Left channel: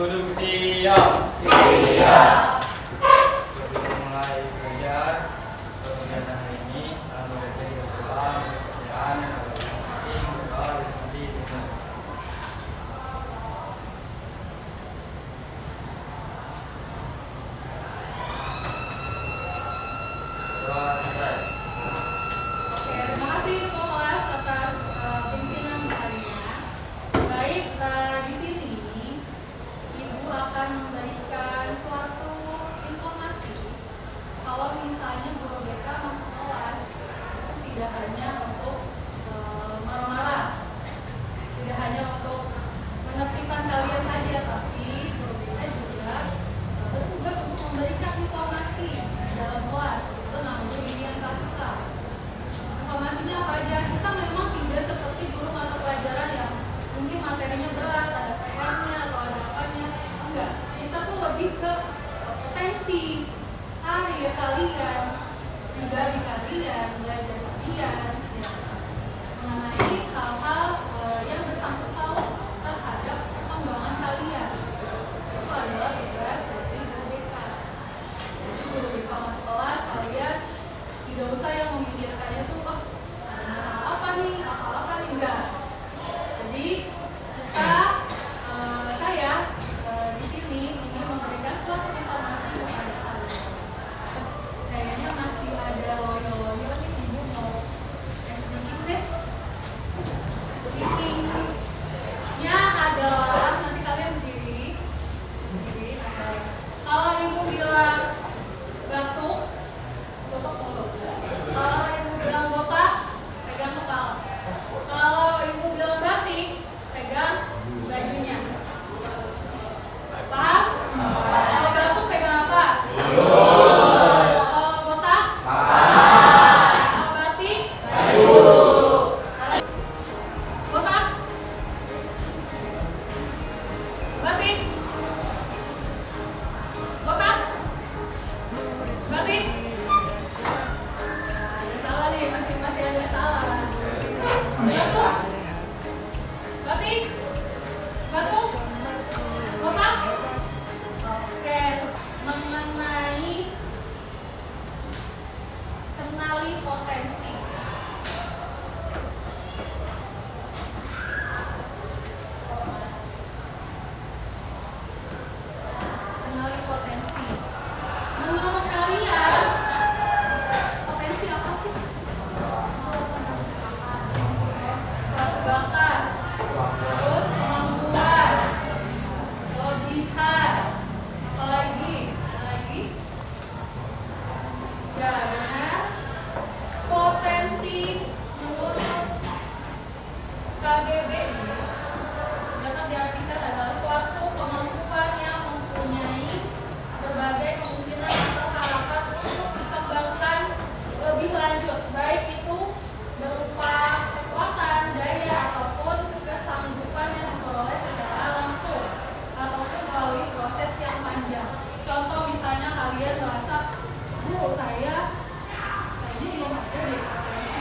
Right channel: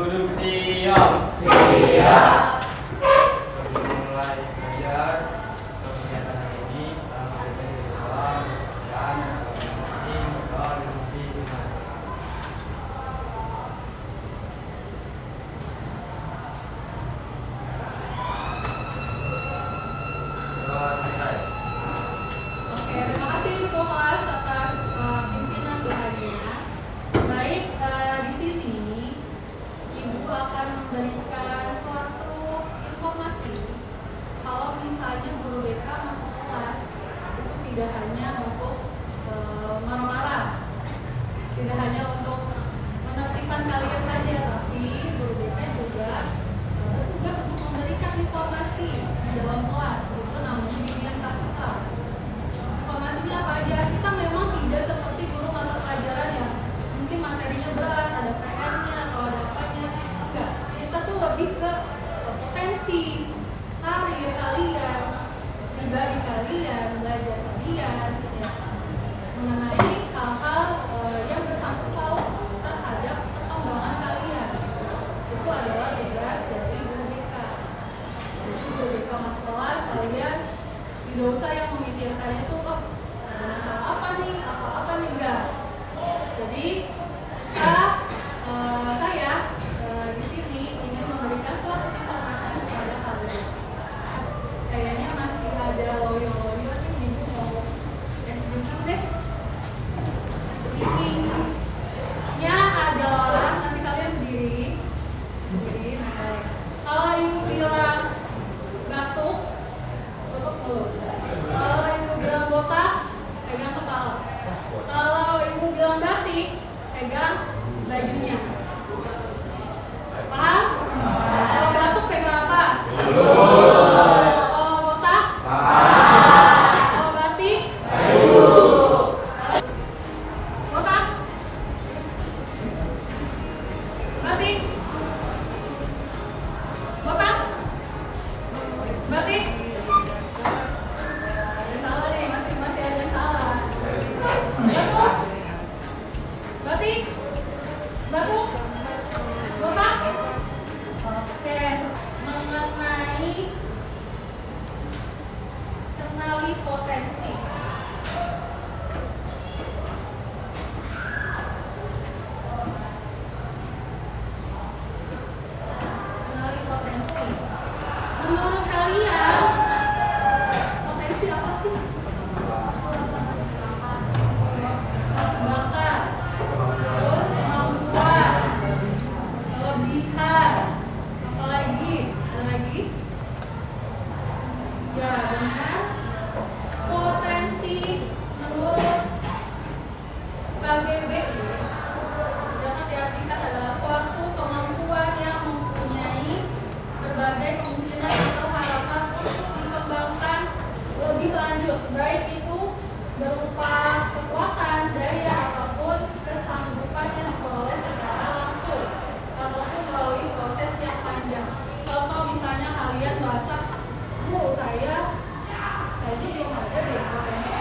duduk siap. Siap. Sebelum mulai belajar kegiatan hari ini, kita berdoa pertanyaan masing-masing bakal nanti kita. Coba selesai. Oke, terima kasih Ketua Kelas atas pimpinan doanya. Baik, di sini Ibu akan memberikan suatu informasi kalau misalnya guru BK masuk kelas itu tidak hanya untuk marah-marah, tidak hanya untuk menertibkan kalian saja, tapi guru BK juga bertugas untuk memberikan informasi di dalam kelas. Itu namanya bimbingan praktikal. Informasinya apa aja? Kita memang tidak seperti guru mata pelajaran yang mungkin materinya berat, ada PR-nya atau ada apanya. Enggak, kita tuh lebih ke potensi karir kalian, pribadi kalian, belajar kalian, ya, mengenai hal-hal yang bersangkut paut terhadap perkembangan kalian. Itu adalah tugas dari guru BK. Jadi guru BK masuk kelas, kalian tidak usah yang memikirkannya tuh, oh ada masalah apa nih, apa nih, enggak. Jadi kita, saya di sini ingin memberikan suatu informasi kepada kalian. Kayaknya masih ada loyo-loyo nih, Ibu mau sedikit deh. Speakingnya adalah nanti kalian berdiri. Kalau Ibu bilang batuk, tutup mulut. Kalau Ibu bilang botak, pegang kepala. Kalau Ibu bilang batik, pegang bajunya. Paham? Kalau batuk pegang apa? Kalau botak? Kalau batik? Botak? Batik? Botak? Batik? Ada salah nih, masih ada salah. Batuk? Batik? Batuk? Botak? Oke, mengenai kenali potensi. Kenali potensi. Menurut kalian, potensi apa sih? Bakat, terus kemampuan, kelebihan, apalagi? Ya, benar. Potensi menurut KGBI dapat diartikan adalah suatu kemampuan yang mempunyai berbagai kemungkinan atau harapan untuk dikembangkan lebih lanjut, baik itu berupa kekuatan, daya, ataupun kesanggupan yang diperoleh secara langsung ataupun melalui proses yang panjang. Contoh misalnya kalian merasa, saya kayaknya belum ada deh potensi.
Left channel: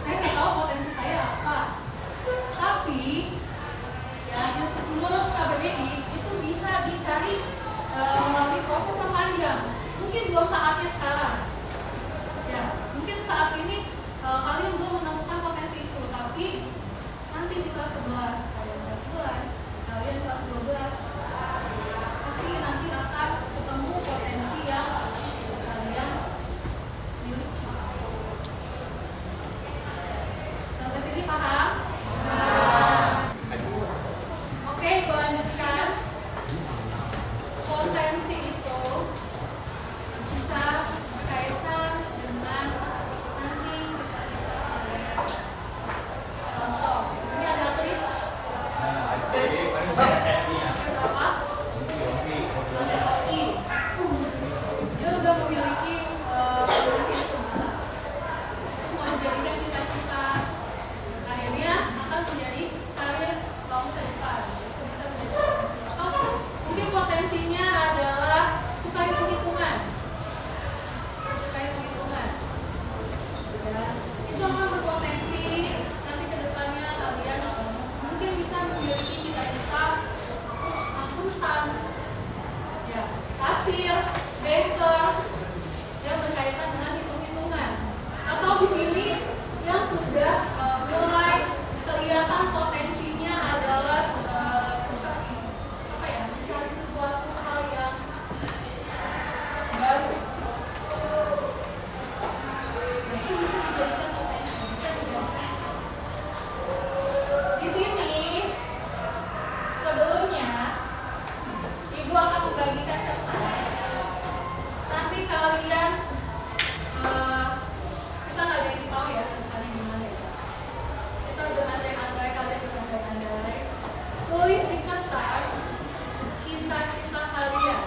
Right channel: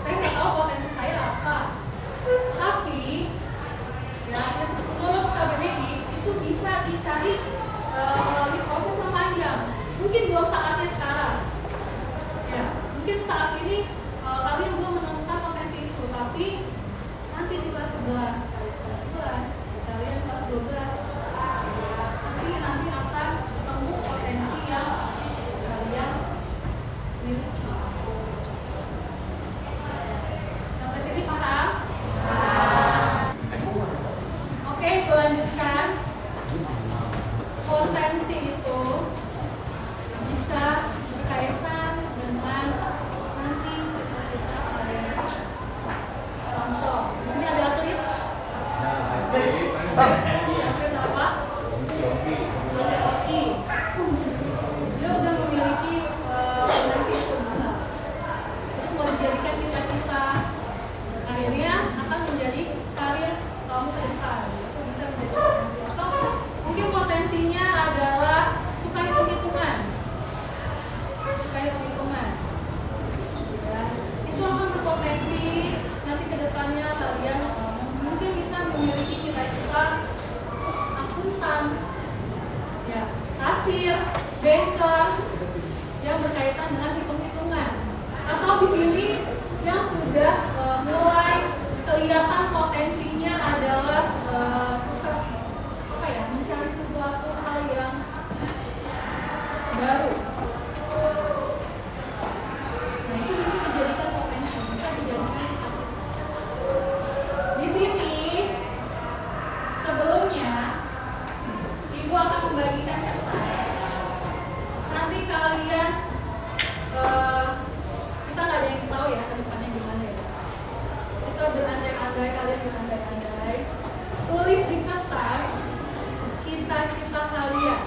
Saya nggak tahu potensi saya apa. Tapi ya, menurut KBBI itu bisa dicari melalui proses yang panjang. Mungkin belum saatnya sekarang. Ya, mungkin saat ini kalian belum menemukan potensi itu, tapi nanti di kelas 11, kalian kelas 12, pasti nanti akan ketemu potensi yang kalian miliki. Sampai sini paham? Oke, gue lanjutkan. Potensi itu bisa berkaitan dengan nanti kita contoh. Ini ada klip. Klip apa? LTOI. Dia udah memiliki potensi itu besar. Terus mau dijadikan cita-cita karirnya akan menjadi karir kamu ke depan. Itu bisa menjadi potensi. Atau mungkin potensinya adalah suka hitung-hitungan. Ya, itu akan berpotensi nanti ke depannya kalian mungkin bisa memiliki cita-cita kertas cita-cita kalian.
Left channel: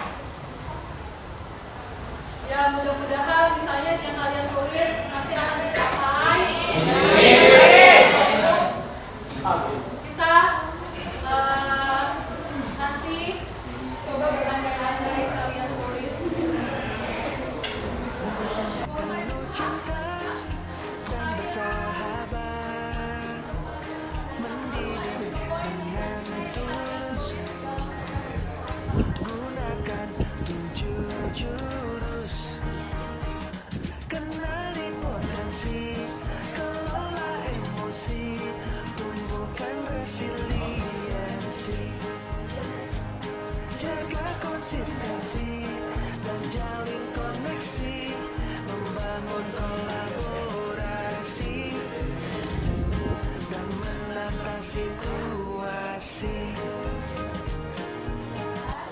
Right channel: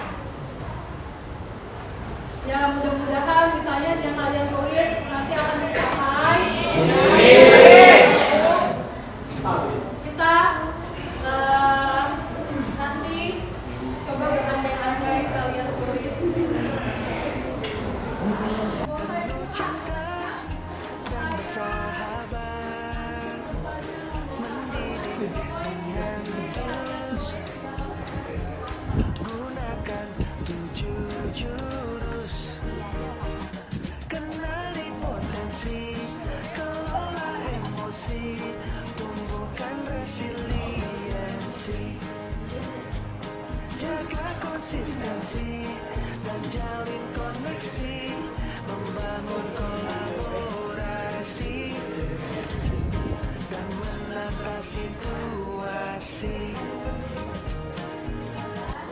Ya mudah-mudahan misalnya yang kalian tulis nanti akan dicapai. Kita nanti coba berandai-andai kalian tulis. Penuh cinta dan bersahabat, mendidik dengan tulus, gunakan 7 jurus, kenali potensi, kelola emosi, tumbuhkan resiliensi, jaga konsistensi dan jalin koneksi, membangun kolaborasi dan menata situasi.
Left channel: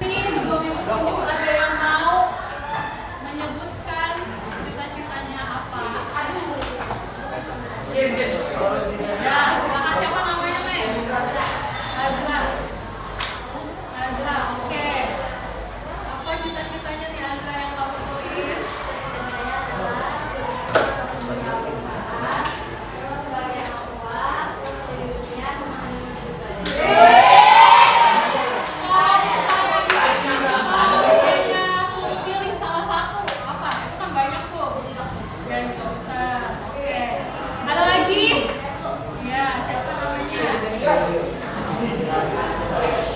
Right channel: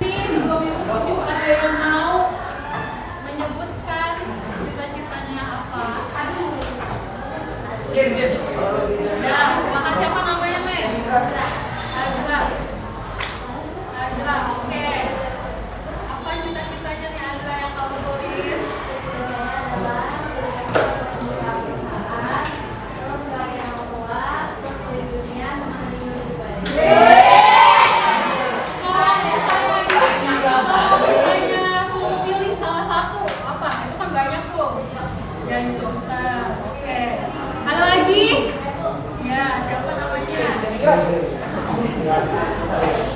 Sebelum itu ada yang mau menyebutkan cita-citanya apa? Ada. Ya, silakan siapa namanya, Neng? Azra. Azra, oke. Apa cita-citanya nih Azra yang kamu tulis?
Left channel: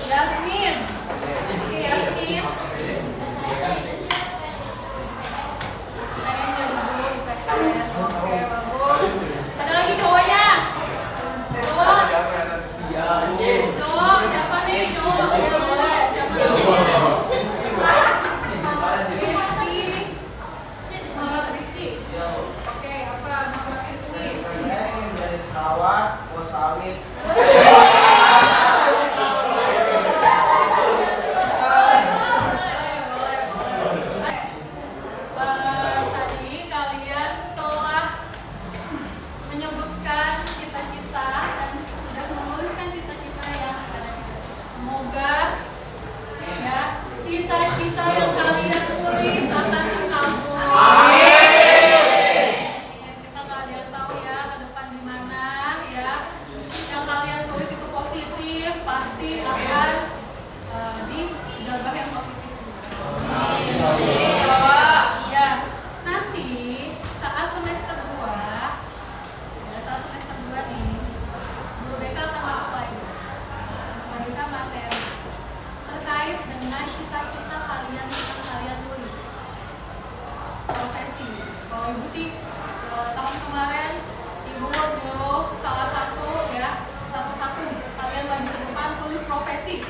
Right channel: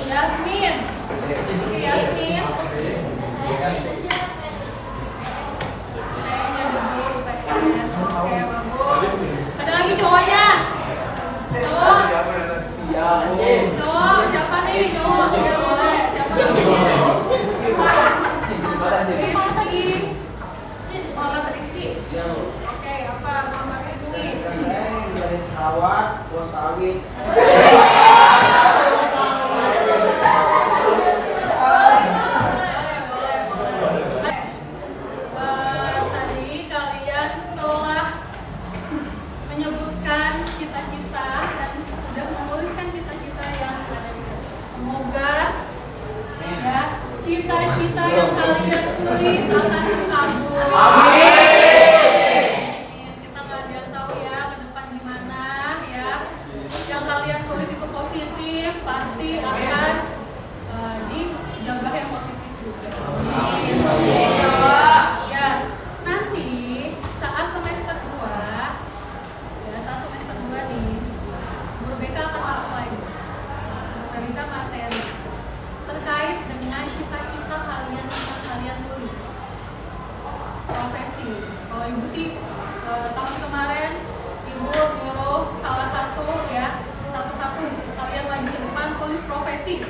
Yasmin. Oke, Yasmin. Kayaknya dulu IPS. Oke, bagus. Ada lagi cowoknya? Cowok? Cowok, siapa nih? Cowok, ya boleh. Siapa namanya? Rizky. Muhammad Rizky. Oke, apa Muhammad Rizky? Dari Sarawak, buah sawit. Tadi kalian telah menyebutkan cita-cita dan sudah menuliskan cita-cita yang semoga ya cita-cita yang kalian tulis akan terkabul. Kita nggak ada yang tahu ya ke depan gimana ya. Yang kalian tulis itu positif pasti akan dijabah yang positif juga. Ya, nanti saat semester 2 nih, Guru BK akan masuk lagi kita materi terkait dengan cita-cita kalian yang kalian tulis. Profesi. Kalau Ibu sih tahun kemarin Ibu nyuruh salah satu ya, satu-satu kalian maju ke depan tulis profesi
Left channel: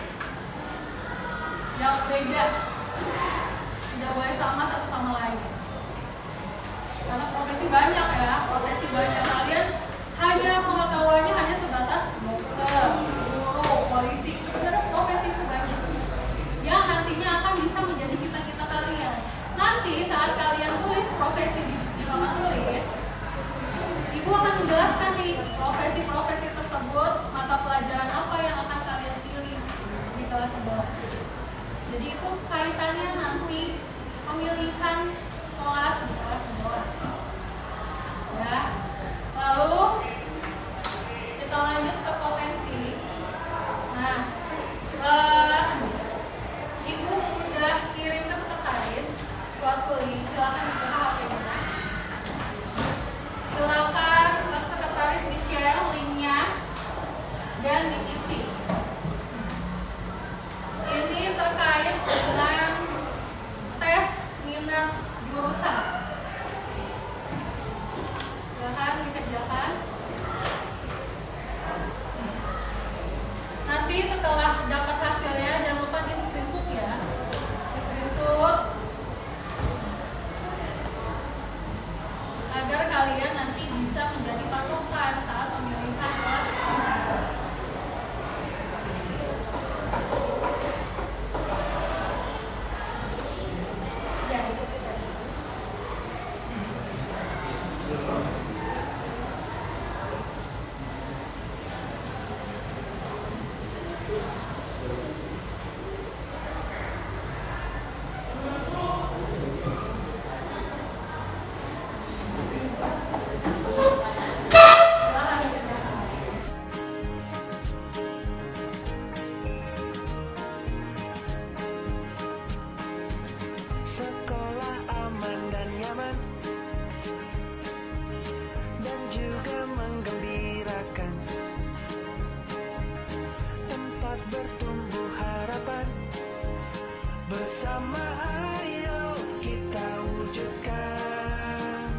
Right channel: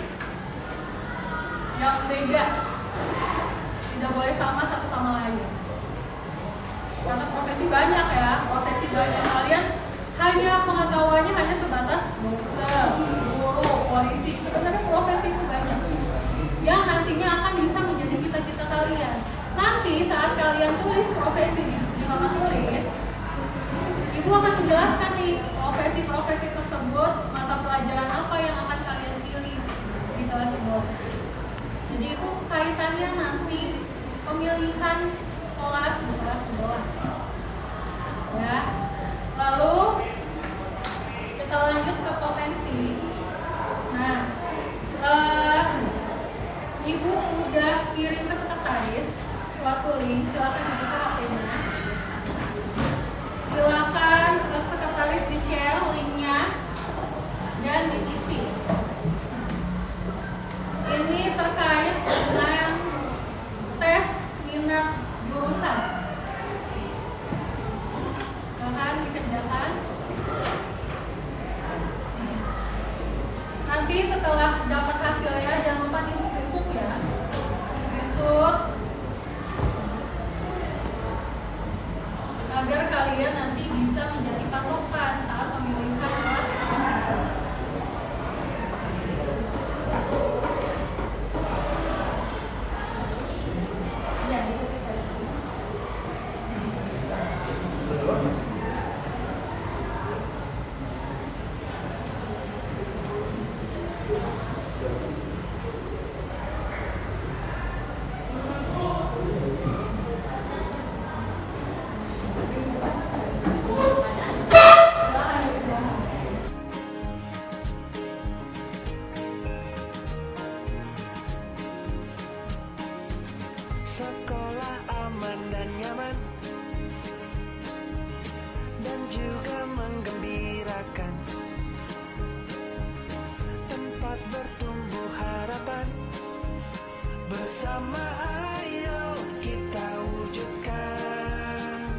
yang beda. Tidak boleh sama satu sama lain. Karena profesi banyak ya, profesi banyak. Kalian hanya pengetahuannya hanya sebatas dokter, guru, polisi. Sebenarnya profesi itu banyak yang nantinya akan bisa menjadi cita-cita kalian. Nanti saat kalian tulis profesi di papan tulis, Ibu akan menjelaskan nih profesi-profesi tersebut, mata pelajaran apa yang akan kalian pilih di kelas 11. Jadi itu kaitannya nanti pemilihan kelas di kelas 11. Ya. Lalu kita lanjut ke potensi. Nah, Ibu udah kirim ke sekretaris suatu link, silakan dibuka HP-nya. Silakan ke sekretaris di-share linknya dan diisi. Ini terkait dengan tes minat jurusan. Silakan dikerjakan. Nanti setelah bersama ayo kita wujudkan,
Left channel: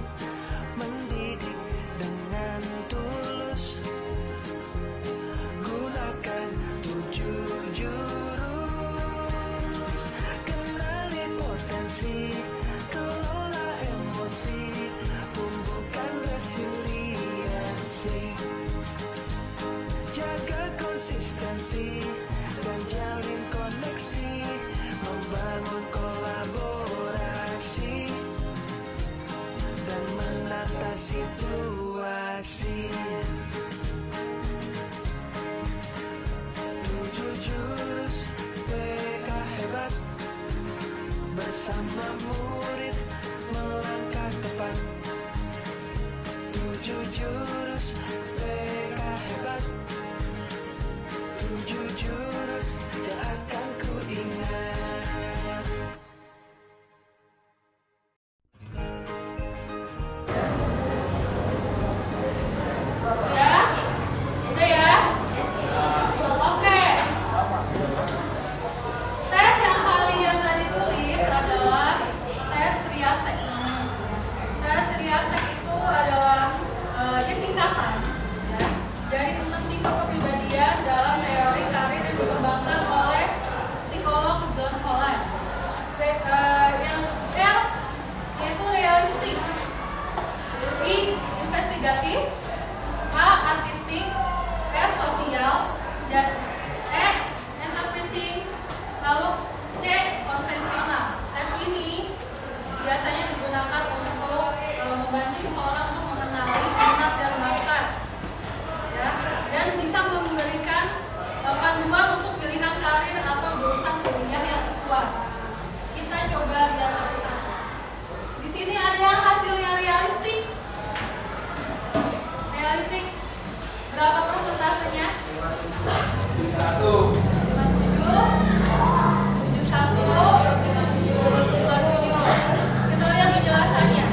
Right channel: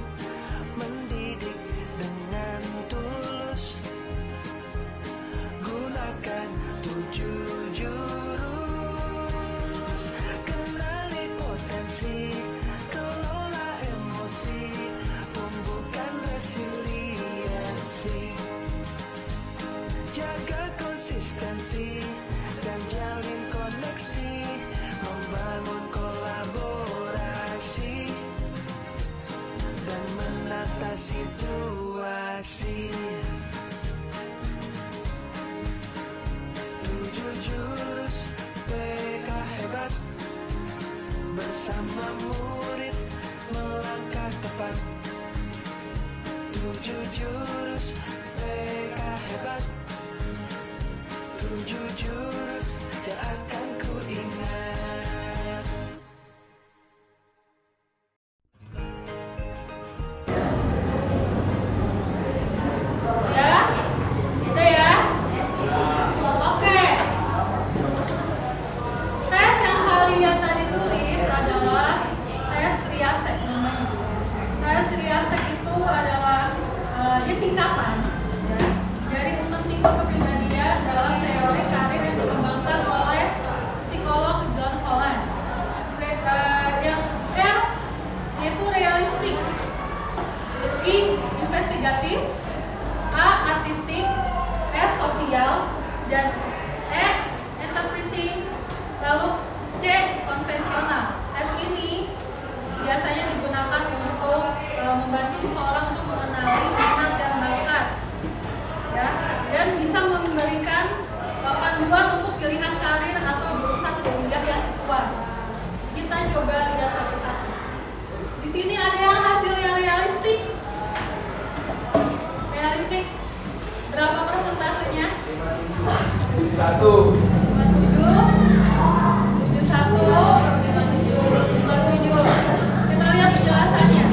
mendidik dengan tulus, gunakan 7 jurus, kenali potensi, kelola emosi, tumbuhkan resiliensi, jaga konsistensi dan jalin koneksi, membangun kolaborasi dan menata situasi. 7 jurus PK hebat, bersama murid melangkah tepat. 7 jurus PK hebat, 7 jurus yang akan ku ingat. Ya, itu ya. Oke. Tes yang kalian tadi tulis adalah tes Riasek namanya. Tes Riasek itu adalah dia singkatan ya, dari 6 tipe kepribadian dalam teori karir yang dikembangkan oleh psikolog John Holland. Yang R itu realistik, I investigatif, A artistik, S sosial, dan E enterprising, lalu C konvensional. Tes ini biasanya digunakan untuk membantu seseorang untuk mengenali minat dan bakat, ya, dan bisa memberikan panduan untuk pilihan karir atau jurusan kuliah yang sesuai. Kita coba lihat satu-satu. Di sini ada yang hasil yang realistik. Realistik berapa persentasenya? 1. 57, 57. Kita lihat penjelasannya.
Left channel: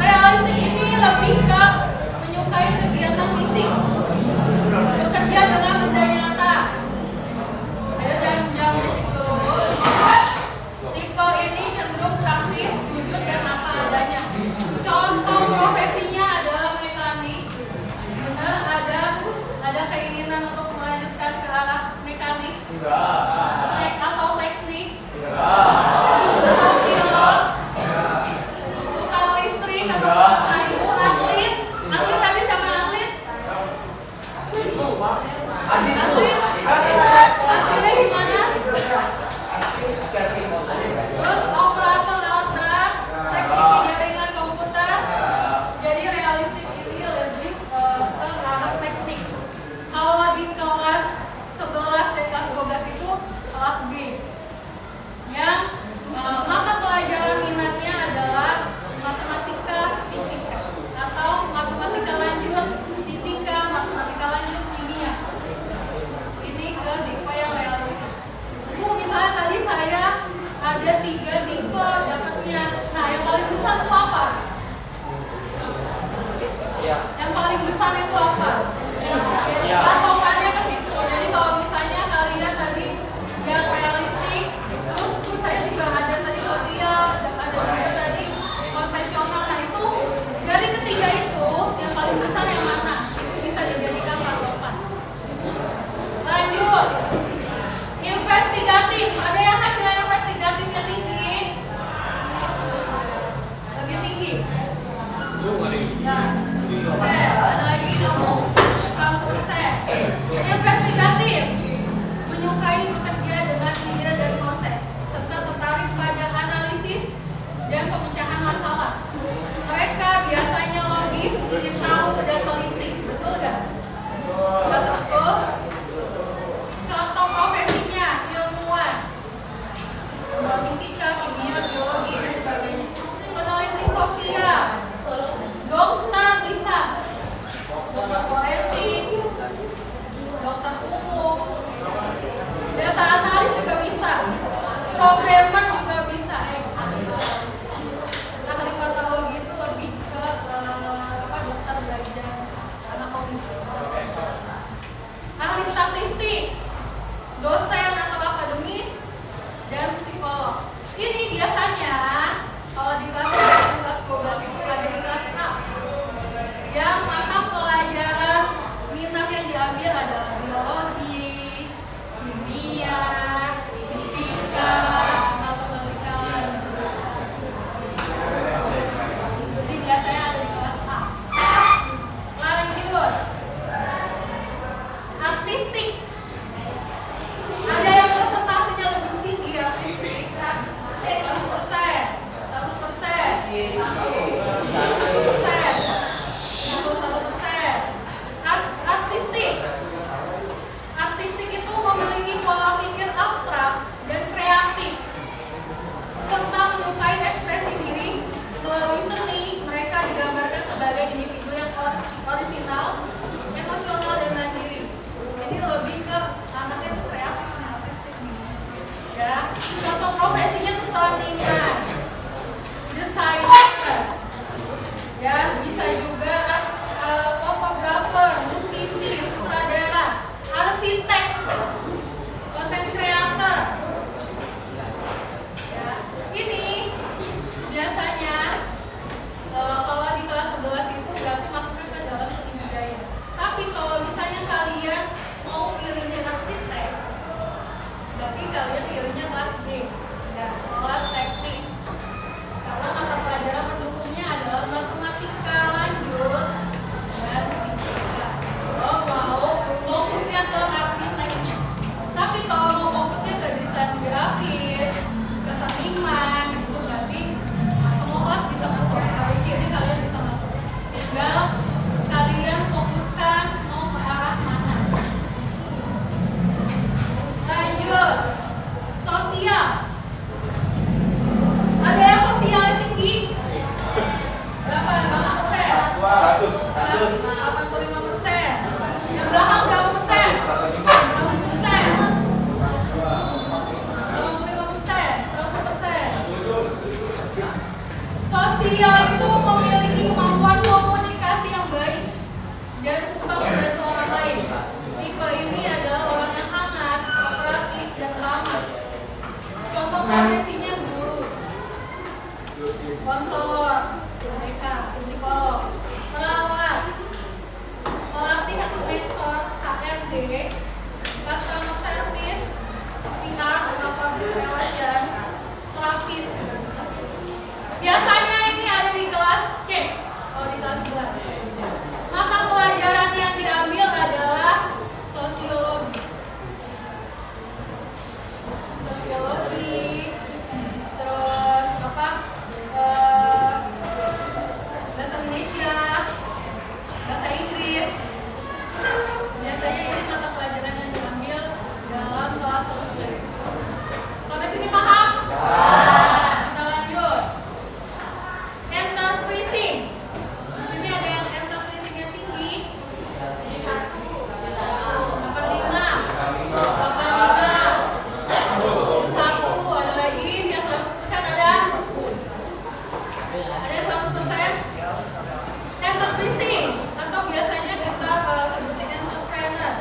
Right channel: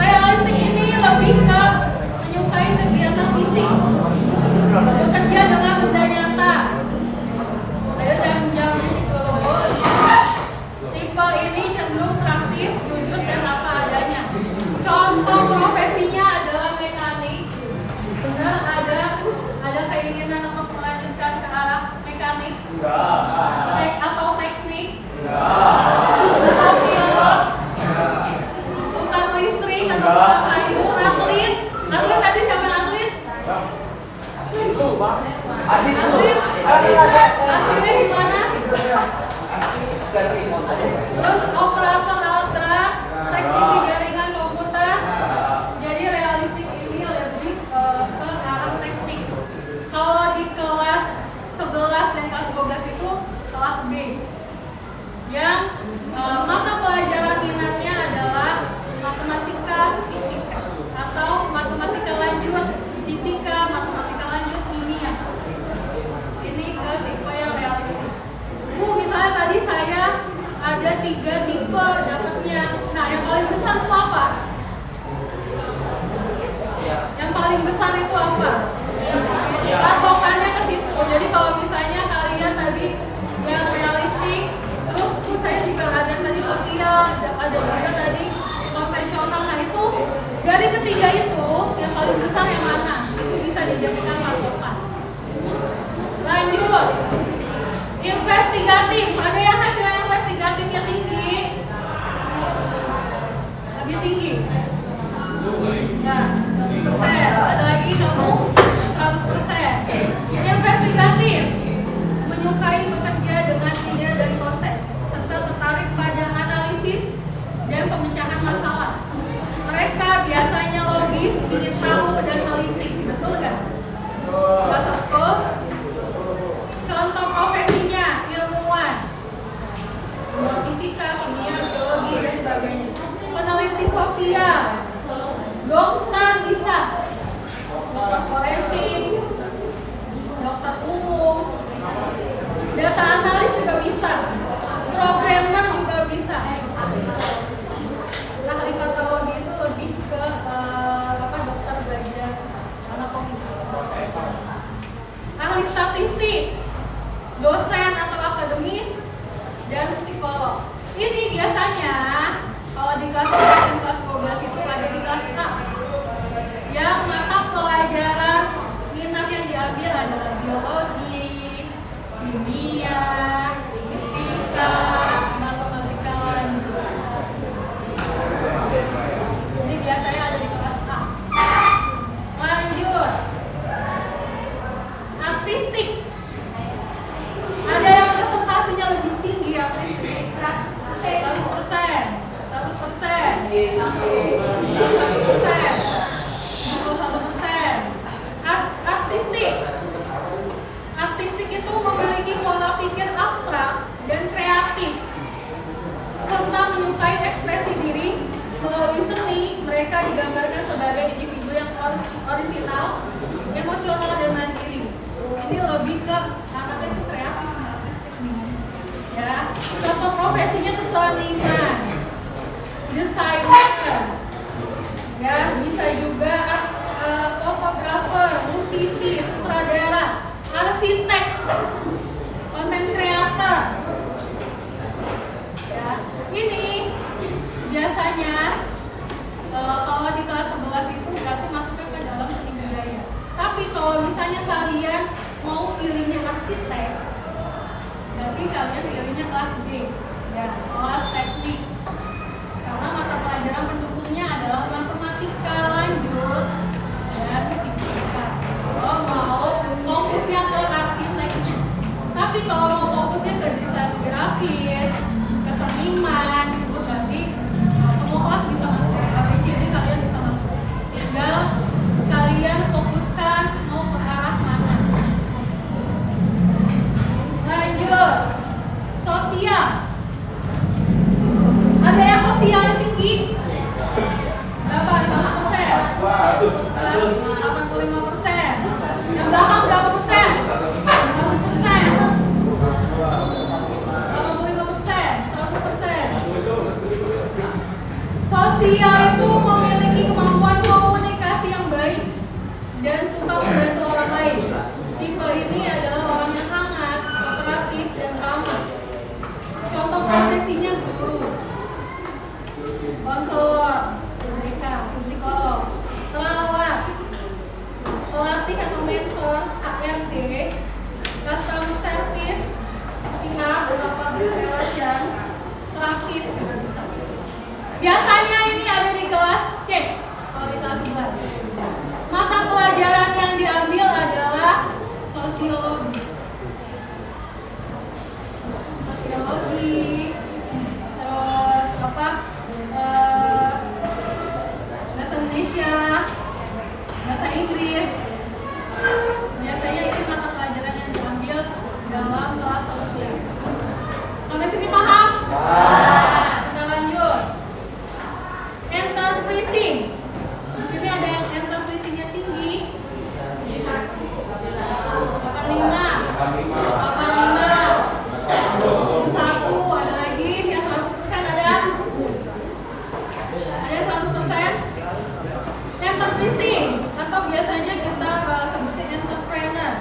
Realistik ini lebih ke menyukai kegiatan fisik, bekerja dengan benda nyata. Ayo jangan jauh fisik dulu. Tipe ini cenderung praktis, jujur, dan apa adanya. Contoh profesinya adalah mekanik. Benar, ada keinginan untuk melanjutkan ke arah mekanik atau teknik. Tukang pilot, tukang listrik, atau tukang kayu, atlet. Atlet tadi siapa atlet? Atlet. Hasilnya gimana? Terus operator alat berat, teknisi jaringan komputer. Jadi realistik ini lebih ke arah teknik. Kalau di kelas 11 dan kelas 12 itu kelas B, yang mata pelajaran minatnya adalah matematika fisika atau matematika lanjut fisika, matematika lanjut kimia. Ini ke tipe yang realistik. Misalnya tadi saya ada 3 tipe dapatnya. Nah, yang paling besar itu apa? Yang paling besar itu apa? Patokannya ke situ. Jadi kalau misalnya kalian tadi yang realistik, terus tuh saya juga ada tadi sosial, ada juga tadi konvensional. Nah itu dari ketiga itu yang paling besar yang mana? Itu bisa dijadikan patokan. Lanjut. Investigatif. Ada yang hasilnya investigatifnya tinggi, Contoh profesinya tuh seniman, desainer, ya bisa juga fotografer, musisi, sutradara, arsitek, konten kreator. Ya, ini biasanya kalau di kelas 11 itu berarti masuknya ke dalam seni budaya. Tapi kalau misalnya kalian mau pilihnya arsitek, berarti kalian pilihnya kelas D, ya, kelas teknik. Karena mata pelajaran pendukungnya adalah matematika lanjut dan fisika. Kalau mau fokusnya ke arsiteknya. Tapi kalau mau fokusnya ke desain grafis, ke seniman, itu berarti semua kelas bisa masuk. ABC ini kalian bisa masuk. Tinggal kalian fokuskan mau ke arah mana. Lanjut, sosial. Ada yang sosialnya tinggi? Berapa? 5%? 85%. Yang belakang berapa persen? 100%. 85%. 100%. Sosial itu memiliki kemampuan komunikasi yang baik dan suka membantu orang lain. Tipe ini adalah orang yang hangat, kooperatif, dan ramah. Contoh profesinya guru, konselor, mereka, psikolog, perawat, pelatih atau mentor, HRD, customer service, pihak atau public relation, terapis juga bisa. Biasanya ini ada di kelas C, kalau di kelas 11. Mata pelajaran yang diambil adalah sosiologi. Sosiologi, terus apa? Bahasa Indonesia, bahasa Inggris. Biasanya ini mata pelajaran yang diambil dalam kelas sosial. Sampai sini paham? Kita lanjut. Enterprising. Di sini ada yang enterprisingnya tinggi. 85. Satu, ada lagi yang 100% ada? Ada yang 100%? Enterprising atau biasanya kita sebutnya entrepreneur.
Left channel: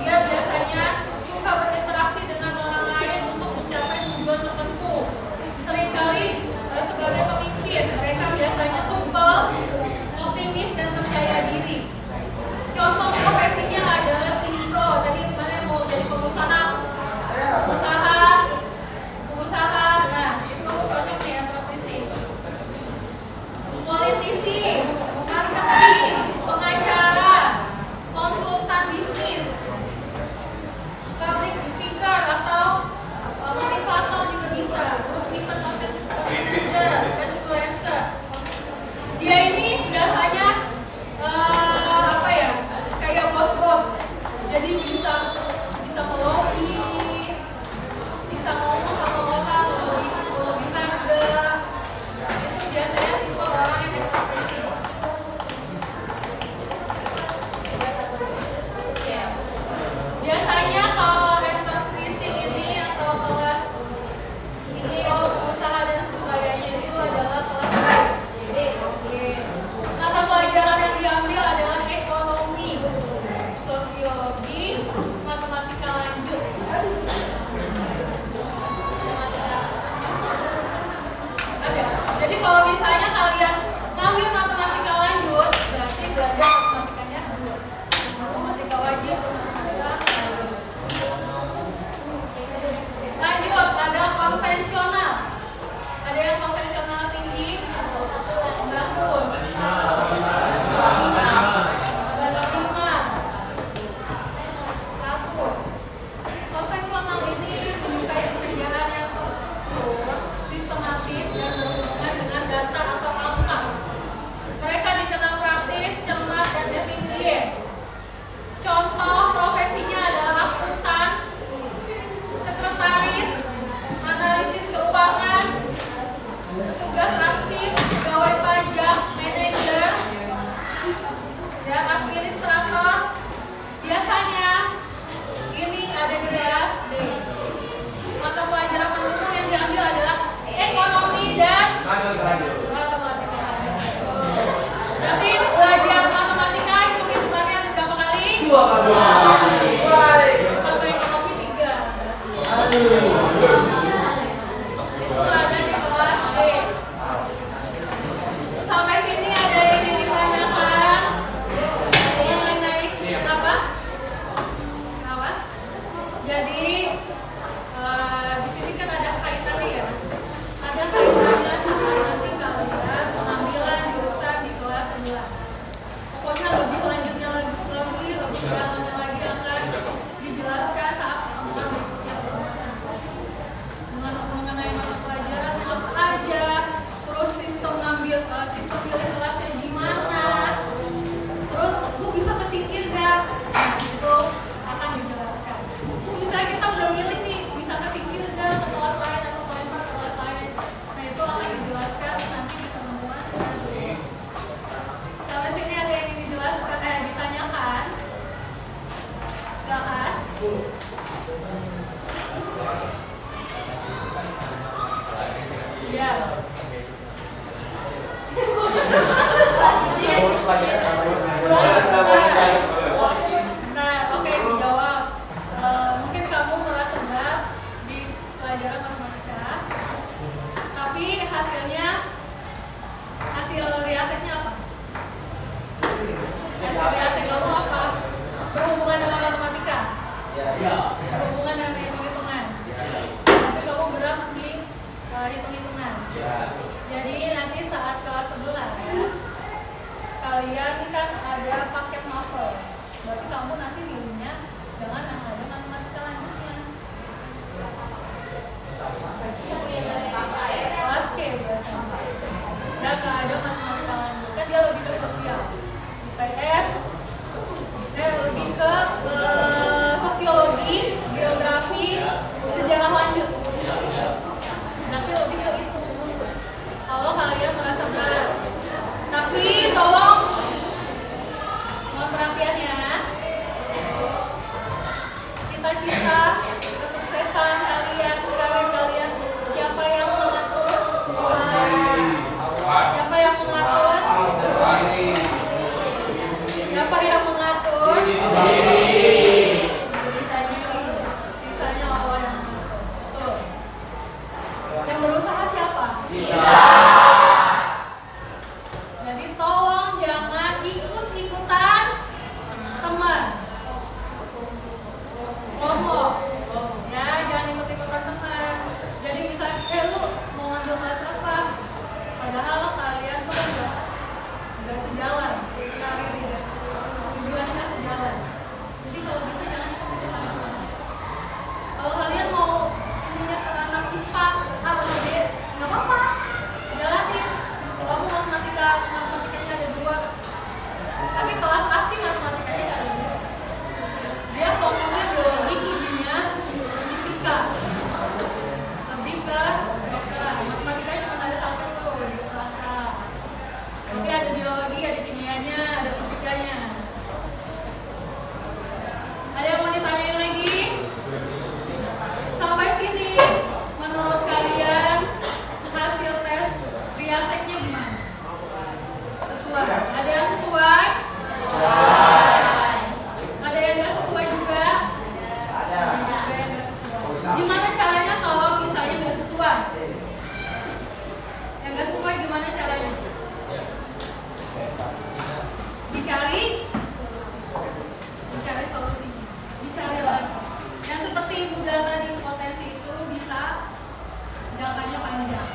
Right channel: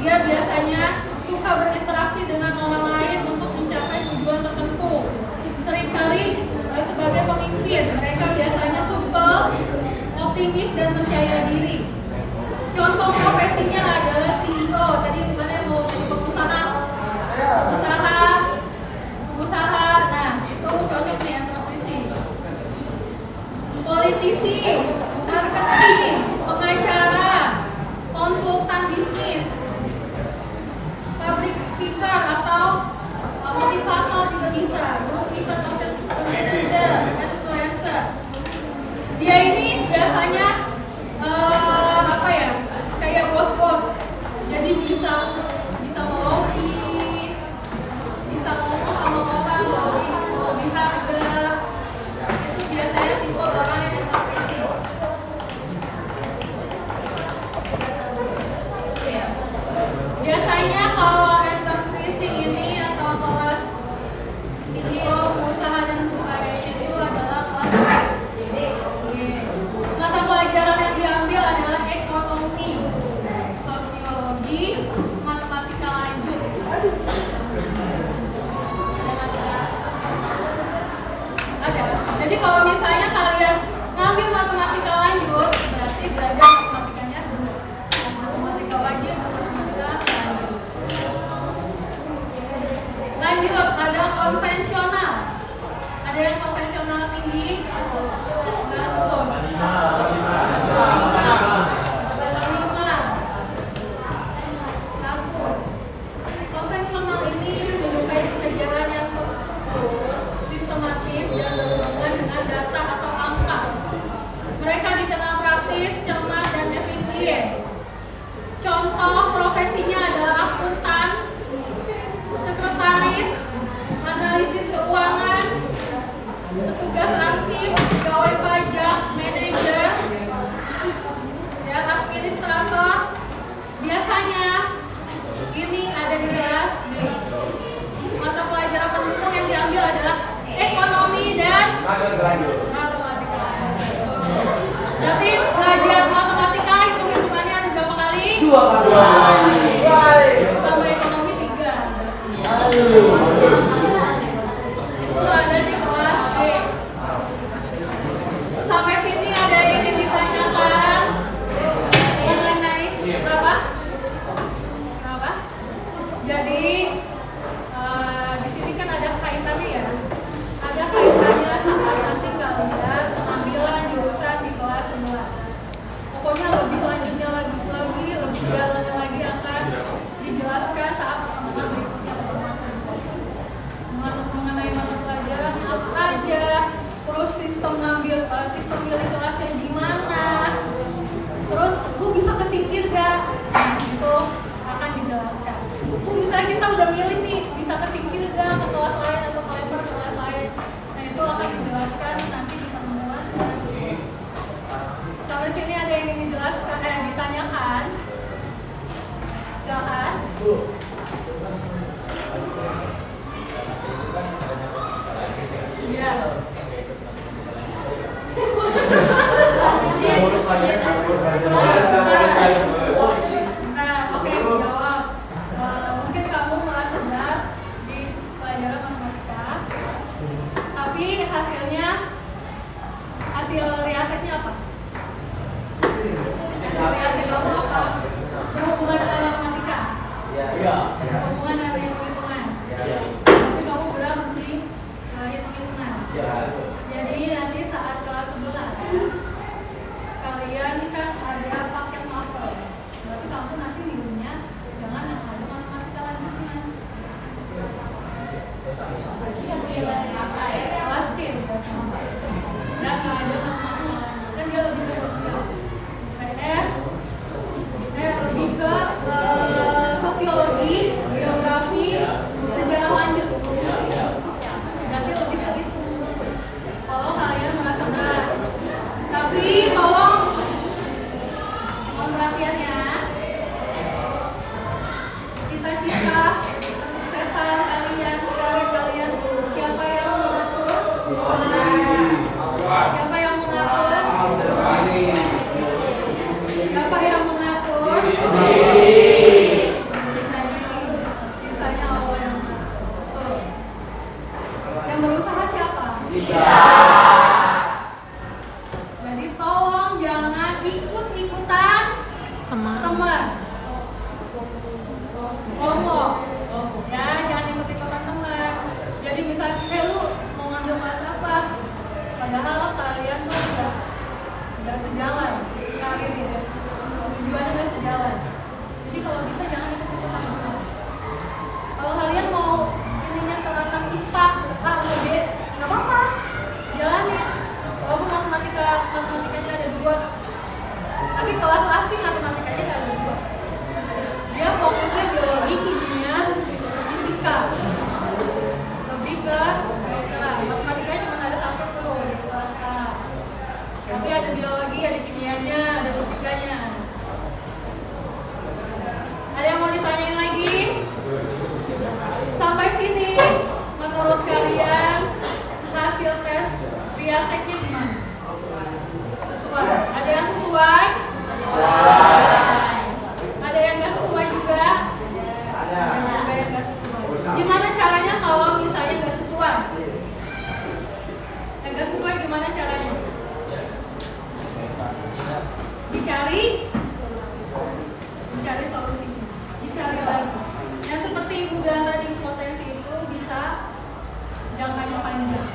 Dia biasanya suka berinteraksi dengan orang lain untuk mencapai tujuan tertentu. Seringkali sebagai pemimpin, mereka biasanya supel, optimis, dan percaya diri. Contoh profesinya adalah CEO. Tadi mana mau jadi pengusaha? Nah itu cocok nih entreprising. Politisi, marketing, pengacara, konsultan bisnis, public speaker atau motivator juga bisa. Terus event organizer, influencer. Dia ini biasanya kayak bos-bos. Jadi bisa melobi, bisa ngomong sama orang melobi harga. Itu biasanya tipe orang yang enterprising. Biasanya kalau enterprising ini atau kelas CEO, usaha dan sebagainya itu adalah kelas B. Mata pelajaran yang diambil adalah ekonomi, sosiologi, matematika lanjut. Ada. Jadi kalau misalnya kalian ngambil matematika lanjut, berarti belajar matematikanya dulu. Matematika wajib, matematika lanjut. Lanjut, ada konvensional. Ada yang konvensional tinggi, 100. Konvensional ini menyukai pekerjaan yang terstruktur, sistematis, yang berhubungan dengan data atau dua kali. Sama ekonomi 3. Aduh. Itu ada di kelas D. Sampai sini ada yang ingin ditanyakan mengenai apa? Apa? Jadi di sini kan ada kaitannya ya. Ada kaitannya saat nanti kalian pengambilan jurusan di kelas 11. Pokoknya lebih lanjutnya lagi, lebih dalamnya lagi akan dijelaskan saat pertemuan berikutnya mengenai mata pelajarannya apa aja, terus sistem pilih kelasnya gimana, terus lu bisa kesingkir gak? Nah, itu akan dijelaskan. Misalnya kita udah milih nih, bisa kesingkir gak ke kelas lain atau kelempar ke kelas lain? Nah, itu akan dijelaskan nanti di pertemuan. Sampai sini ada yang ingin dijelaskan, ditanyakan? Silakan. Iya. Nah, oke, dijawab. Mungkin kamu merasa berat di pelajaran matematika, tapi hasil riasetnya apa? Hasil riaset kamu apa? Berhubungan dengan matematika? Iya. Berhubungan dengan hitung-hitungan? Tapi kamu berat di hitung-hitungan? Jadi nanti saat kelas 11 kalian kan ada paket novel ya. Baru kamu nanti milihnya jangan yang ada matematika lanjutnya. Kelas C biasanya. Dan nggak ada matematika lanjut. Kan dia lebih ke sosial. IPS, lebih ke sosiologi, geografi, sejarah lanjut. Nanti lebih ke itu. Kalau kalian merasa berat, tapi tolong mohon perhatian ya. Cita-cita kesuksesan kalian siapa yang mengatur? Siapa yang mengatur? Siapa yang mengatur? Sisanya Allah yang mengatur. Yang berusaha siapa? Jadi tolong jangan ikut-ikutan teman. Kelompok. Ya, jangan ikut-ikutan teman. Jadi misalnya, lu mau ngambil kelas apa? Padahal kalian tuh udah sejalan karirnya. Tujuannya udah sejalan. Jadi kalau bisa jangan ikut-ikutan teman. Kalau kalian mau ininya ke anak IPA A atau B, nggak apa-apa, jalanin. Walaupun matematikanya ada 2, tapi kelas asing matematikanya nggak ada 2. Dia fokusnya biologi, kimia, fisika, lebih ke kedokteran. Matematikanya cuma ada 1 tuh di kelas A, tapi ada biologi, ada kimianya, ada fisikanya. Ada yang mau ditanyain lagi? Sampai sini, menurut kalian hasil tes riasetnya gimana? Sesuai? Ada yang sesuai? Ada yang nggak sesuai juga? Ada juga yang nggak sesuai. Gimana caranya kalau misalnya nggak sesuai? Yang nggak sesuai gimana caranya? Dicari solusinya, dicari lagi. Yang seperti Ibu bilang tadi, potensi itu bisa jangkanya panjang.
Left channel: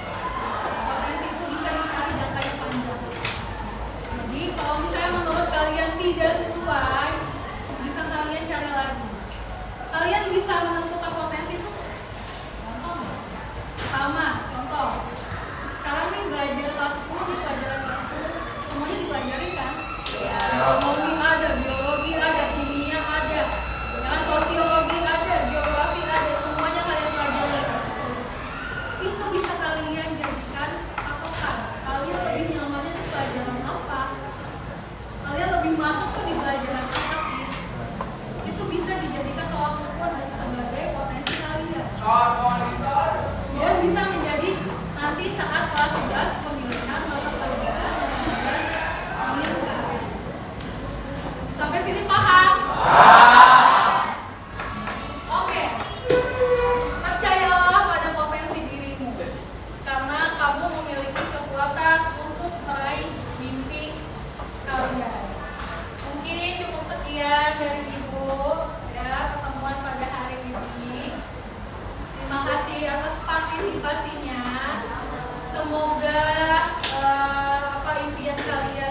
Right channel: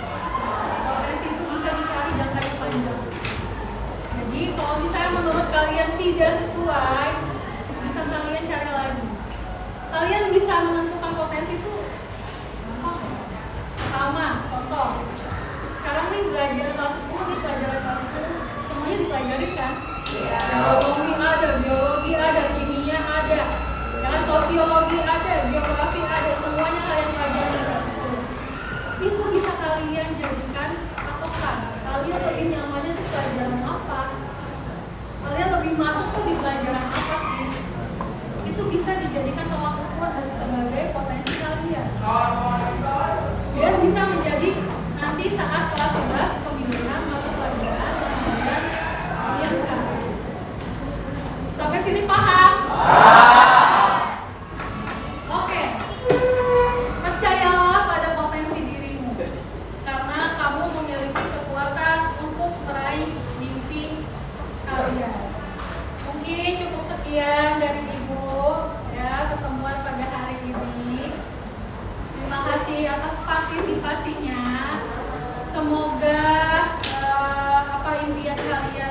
Potensi itu bisa dicari jangkanya panjang. Jadi kalau misalnya menurut kalian tidak sesuai, bisa kalian cari lagi. Kalian bisa menentukan potensi itu gampang. Pertama, contoh. Sekarang nih belajar kelas 10, nih pelajaran kelas 10, semuanya dipelajari kan? Ekonomi ada, biologi ada, kimia ada, ya, sosiologi ada, geografi ada, semuanya kalian pelajari di kelas 10. Itu bisa kalian jadikan patokan. Kalian lebih nyamannya di pelajaran apa? Kalian lebih masuk tuh di pelajaran apa sih? Itu bisa dijadikan tolak ukur dan sebagai potensi kalian. Dan bisa menjadi nanti saat kelas 11 pemilihan mata pelajaran yang kalian kan. Sampai sini paham? semoga apa impian kalian